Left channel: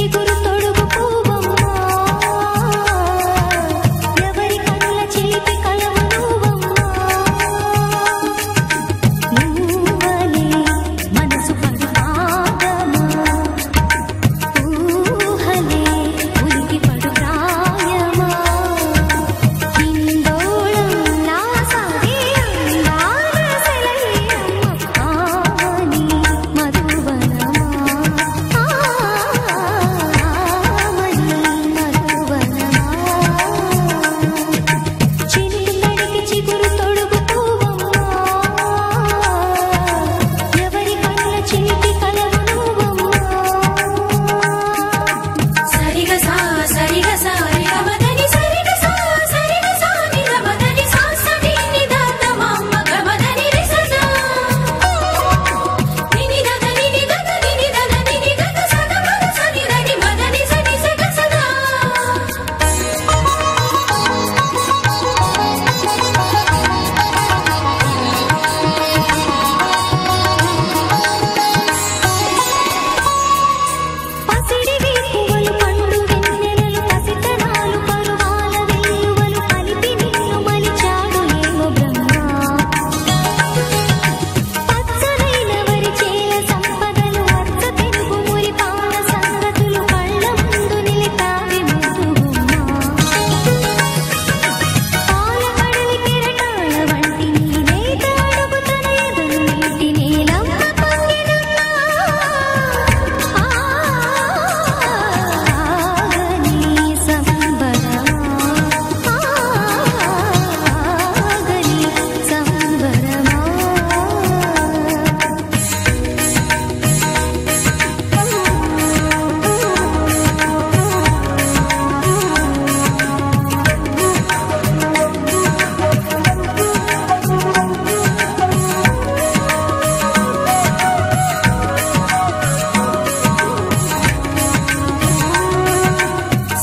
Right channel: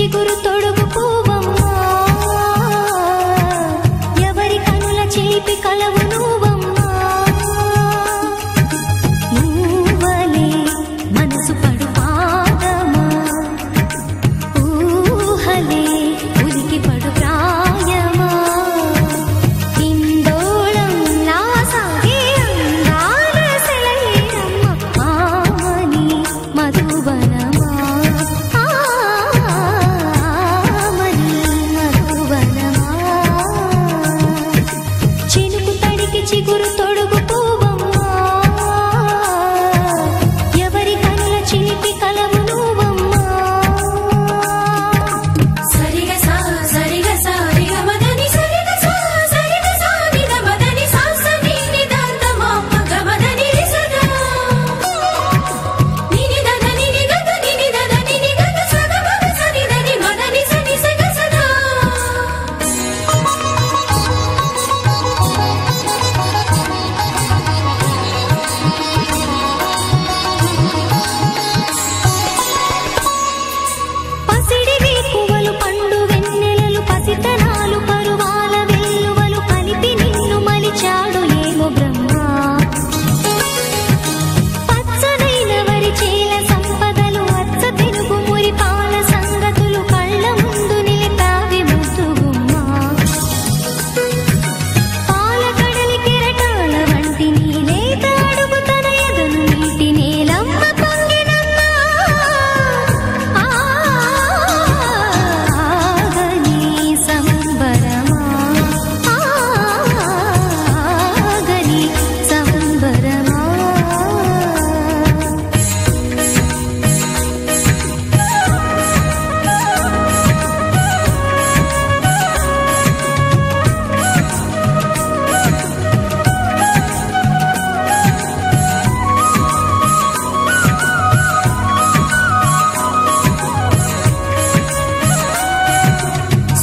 చిగురు తొడుగు పువ్వమ్మా ఎవరి కనుల చిలిపి కలవు నువ్వమ్మా నువ్వలే మనసు పడు పాదమా ఊహలే ఉలికి పడు ప్రాయమా హిందోళంలా సాగే అందాల సెలయేరమ్మ ఆమని మధువనమా ఆమని మధువనమా చినుకు తడికి చిగురు తొడుగు పువ్వమ్మా ఎవరి కనుల చిలిపి కలవు నువ్వమ్మా సరిగ సా సరిగ సా రిగ మదని సరిగ సా సరిగ సా నిద మదని సా సని నిదాత మమ్మ గమదని రిసదా నిని దద నిని గద నిని దద నిని గద సగ మగ సని దని మదని సని సగ సదా పసిడివి పువ్వులు పండు వెన్నెలలు పసితనాలు పరువాల వెల్లువలు కలిపి నిన్ను మలిచాడు ఏమో బ్రహ్మ పచ్చనైన వరి చేల సంపదలు అచ్చ తెలుగు మురి పాల సంగతులు కళ్ళ ముందు నిలిపావి ముద్దుగుమ్మ పాల కడలి కెరటాల వంటి నీ లేత అడుగు తన ఎదను నీటి నేలమ్మ పొంగినమ్మ ఆగని సంబరమా ఆగని సంబరమా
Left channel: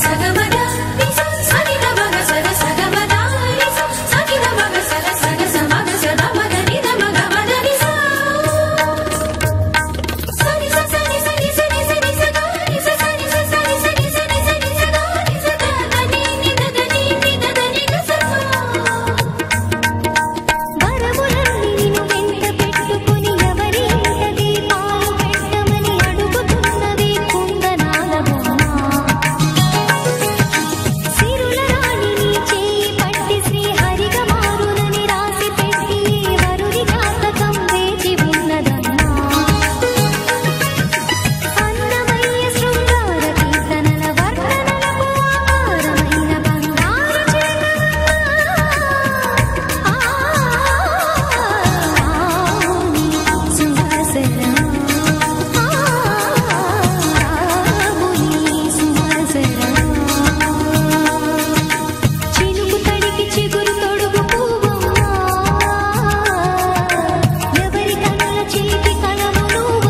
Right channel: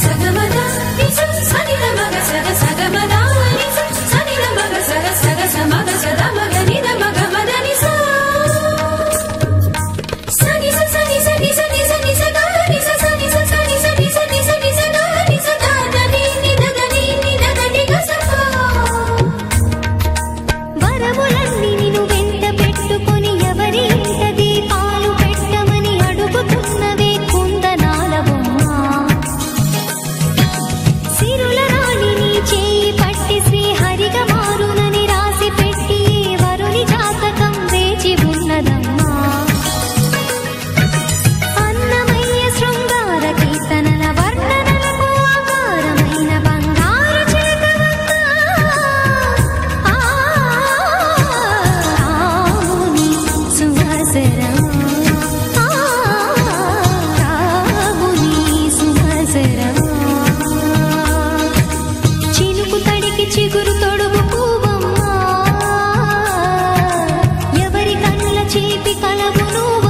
సగమద నిస సనిద మగ సగ సగమద నిస సనిద మగ సగ సగ సమగ సద మగ నిద మగ మద నిస సని స సని సని సని సని స గ నిస సని స సని సని సని సని స గ నిస ద ద ని ని ద ద ని ని ద ద ని గ స వరములన్నీ నిన్ను వెంట పెట్టుకొని ఎవరి ఇంట దీపాలు పెట్టమని అడుగుతున్నవే కుందనాల బొమ్మ సిరుల రాణి నీ చేయి పట్టి శ్రీహరిగా మారునని రాసి పెట్టి ఏ వరుని జాతకం వేచి ఉన్నదమ్మా అన్నమయ్య శృంగార కీర్తనల వర్ణనలకు ఆకారమైన బంగారు చిలకవమ్మా ఆవుని సుమసరమా ఆవుని సుమసరమా చినుకు తడికి చిగురు తొడుగు పువ్వమ్మా ఎవరి కనుల చీపి కలవు నువ్వు